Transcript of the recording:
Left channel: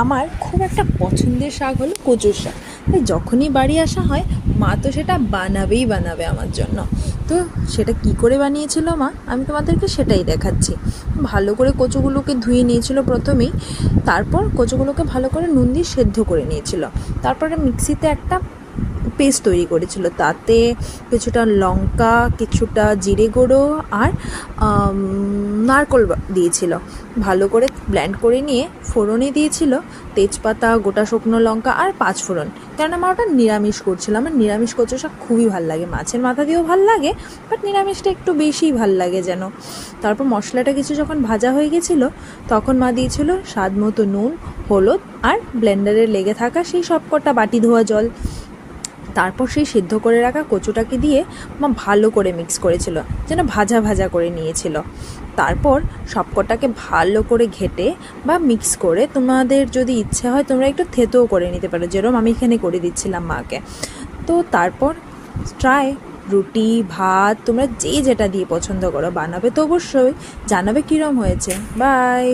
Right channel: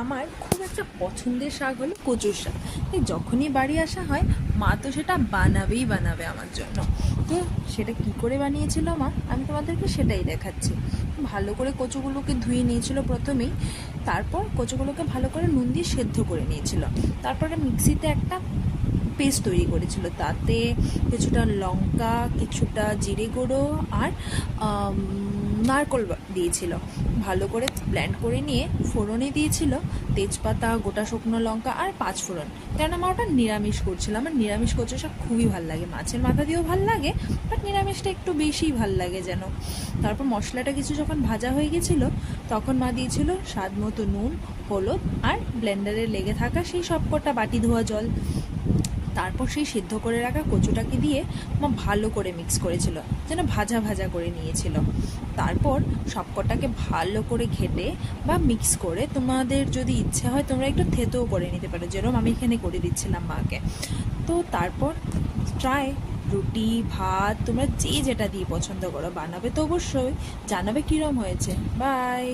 আমার খুব একটা পছন্দের শাক হলো কচুর শাক। তাই যখনই বাড়ি আসা হয় মা তো সেটা বানাবেই বানাবে আমার জন্য। তো সেটা কি করে বানিয়েছিল মা, আমি তোমাদেরকে সেটাই দেখাচ্ছি। ভালো করে কচুগুলোকে ধুয়ে নিয়েছিল প্রথমেই, তারপর কচুগুলোকে ভালো করে নুন দিয়ে সেদ্ধ করে নিয়েছিল। তারপরে মিক্সিতে একটা পেস্ট তৈরি করেছিল, তাতে কিছুটা লঙ্কা, কিছুটা জিরে গুঁড়ো আর নারকোল দিয়েছিল। ভালো করে ব্লেন্ড করে নিয়ে ফোড়নে দিয়েছিল তেজপাতা, গোটা শুকনো লঙ্কা আর পাঁচ ফোড়ন। কেন আমার ওটা নিরামিষ করছিলাম, আমার নিরামিষ কচু শাক খুবই ভাল লাগে, মাছের মাথা দিয়েও ভাল লাগে, বাট নিরামিষটা একটু বেশিই ভাল লাগে যেন। তারপর মশলাটা কিছু যখন ভাজা হয়ে গেছিলো তখন মা দিয়েছিল স্বাদ মতো নুন, হলুদ আর ব্লেন্ডারে লেগে থাকা সেই সবকটা বাটি ধোয়া জল। তারপর সেই সিদ্ধ করে রাখা কচুটাকে দিয়ে মা ভালো করে মিক্স করেছিল, যেন ভাজা ভাজা করে নিয়েছিল। তারপর সবকটাকে ভালো করে ঘেটে বা মিক্স করে, তোমাদের যদি ইচ্ছে হয় তোমরা একটু থেতোও করে নিতে পারো, যেরকম আমি এখানে করে দিচ্ছিলাম মাকে। তো তারপর ট্রাই রুটি, ভাত, তোমরা যে যেটা দিয়ে পছন্দ করো বানাবে, তো অবশ্যই জানাবে কীরকম হয়েছে। বাই।